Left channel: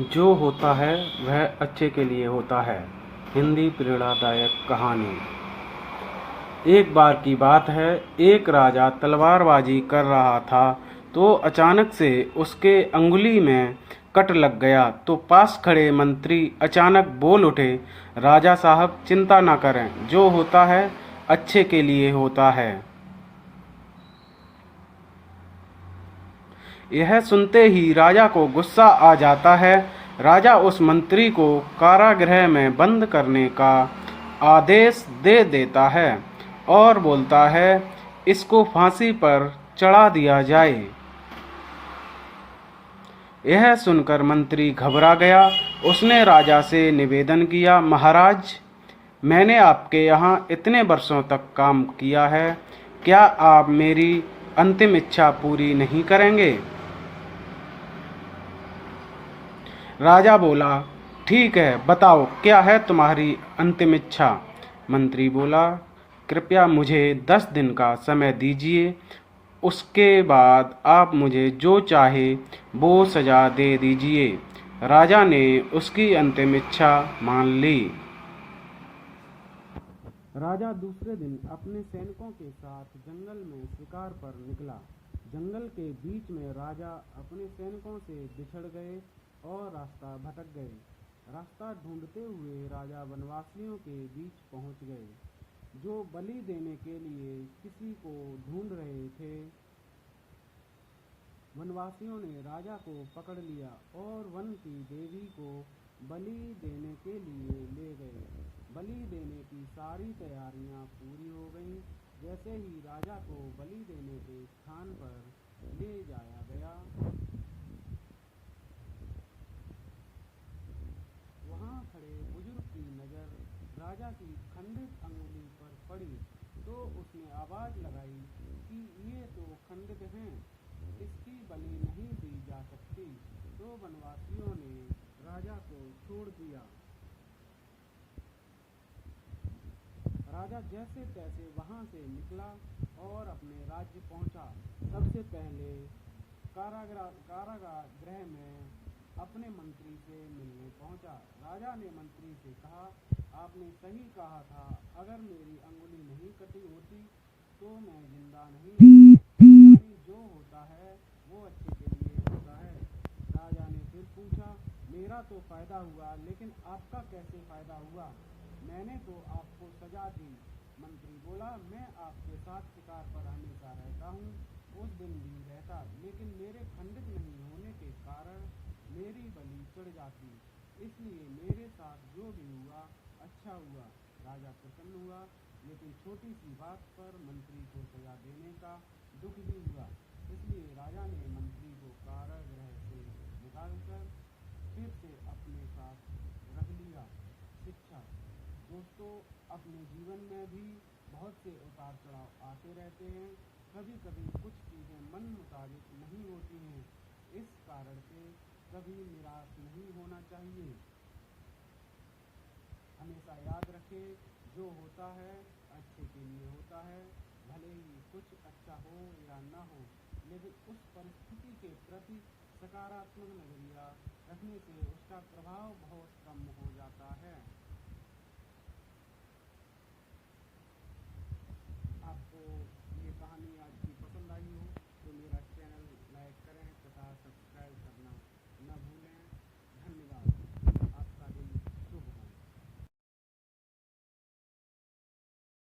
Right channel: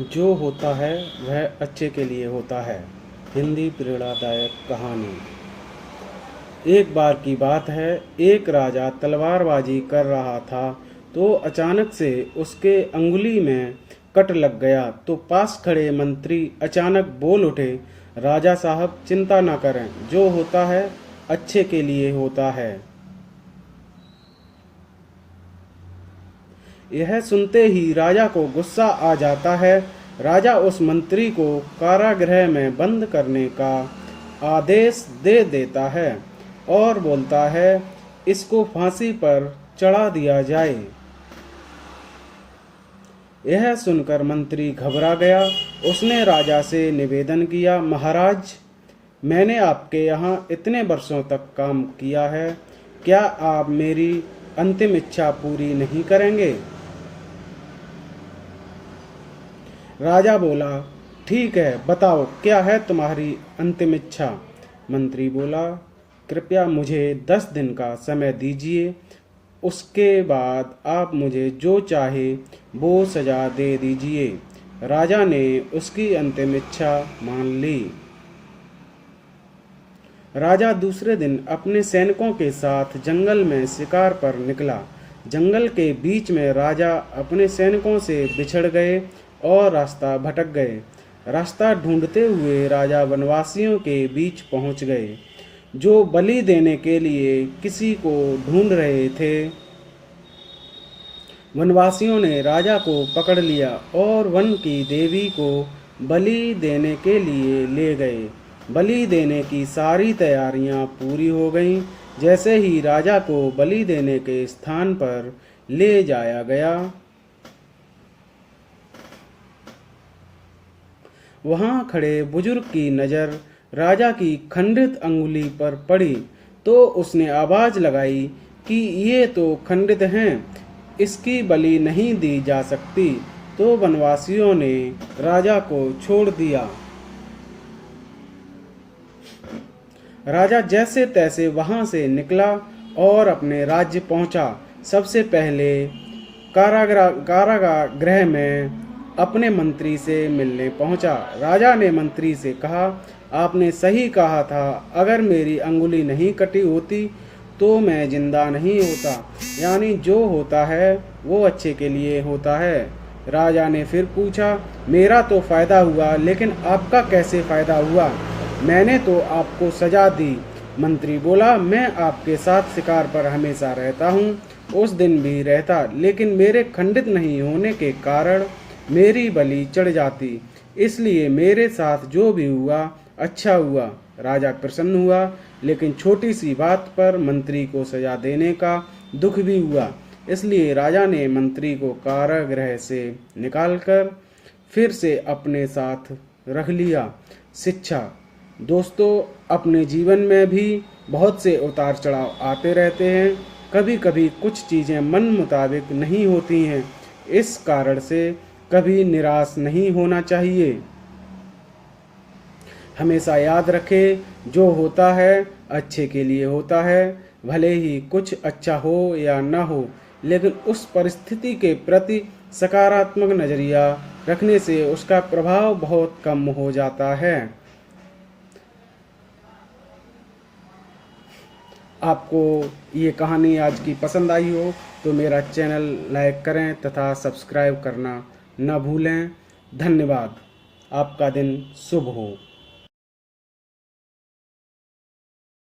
जो होता है वह अच्छे के लिए होता है। हिंदी प्रेरणादायक कहानी। एक बार की बात है, एक राजा तलवारबाजी कर रहा था तो अचानक से उसके अंगुली में कट लग गया। तो पास खड़े मंत्री अचानक बोल उठे, राजा साहब चिंता ना करें, जो होता है अच्छे के लिए होता है। यह सुनते ही राजा को गुस्सा आ जाता है। राजा उस मंत्री को कारागृह में बंद करने का आदेश दे देता है और बोलता है, इसको फांसी पर चढ़ा दिया जाए। यह सुनकर मंत्री घबरा गया। उसने राजा से निवेदन किया, महाराज, मैंने आपके यहाँ इतने वर्षों तक काम किया है, क्या आप मेरी अंतिम इच्छा पूरी नहीं करेंगे? राजा बोला, ठीक है, बताओ क्या है तुम्हारी अंतिम इच्छा? मंत्री बोला, कृपया मुझे 10 दिन का समय दीजिए, उसके बाद आप मुझे जो चाहे वो सजा दे दीजिए। राजा ने उसकी अंतिम इच्छा मान ली। राजा दूसरे दिन अपने सैनिकों के साथ जंगल में शिकार पर निकला। जंगल के बीच में राजा अपने सैनिकों से बिछड़ गए और रास्ता भटक गए। रास्ता ढूंढते हुए राजा वनवासियों के बीच पहुंच गए, जो बलि देने के लिए किसी को ढूंढ रहे थे। वनवासियों ने राजा को पकड़ लिया और वन की देवी को बलि देने के लिए ले गए। बलि देने की सारी तैयारियां पूरी हो गईं। जैसे ही राजा को बलि देने के स्थान पर ले जाया गया, वहां खड़े बुजुर्ग की नज़र राजा की खंडित अंगुली पर पड़ी तो उसने आवाज लगाई कि ये तो खंडित हैं, इसकी बलि नहीं दी जा सकती। तो वनवासियों ने राजा को छोड़ दिया। राजा जैसे तैसे वहां से निकला और अपने राज्य पहुंचा। सबसे पहले कारागृह में अपने मंत्री से मिलने पहुंचा। राजा ने मंत्री से कहा, आपने सही कहा था, अगर मेरी अंगुली नहीं कटी होती तो मैं जिंदा नहीं होता। यानी जो होता है वो अच्छे के लिए होता है। राजा ने फिर पूछा, मेरा तो फायदा हुआ, लेकिन आपका कैसे फायदा हुआ? मैंने तो आपको सजा दी। मंत्री बोला, मैं आपके साथ शिकार पर हमेशा रहता हूँ, उस दिन भी रहता, लेकिन मेरे खंडित नहीं होने के कारण मेरी बलि चढ़ जाती, इसलिए मेरे साथ जो भी हुआ अच्छा हुआ। राजा प्रसन्न हुआ, लेकिन छोटी सी बात पर मंत्री को सजा देने का दुख भी हुआ। इसलिए राजा ने मंत्री को कारागृह से निकालकर फिर से अपने साथ रख लिया। शिक्षा। दोस्तों, अपने जीवन में भी बहुत से उतार चढ़ाव आते रहते हैं। कभी कभी कुछ चीज़ें मन मुताबिक नहीं होती हैं। इस कारण से कभी निराश नहीं होना चाहिए। हमेशा याद रखें, जो होता है अच्छे के लिए होता है। भले ही कुछ अच्छा हो या ना हो, लेकिन उस परिस्थिति के प्रति सकारात्मक नज़रिया रखने से उसका प्रभाव बहुत कम हो जाता है। आपको ये कहानी आज की पसंद आई हो तो मेरा चैनल लाइक करें तथा सब्सक्राइब करना न भूलें। धन्यवाद। आपका दिन शुभ हो।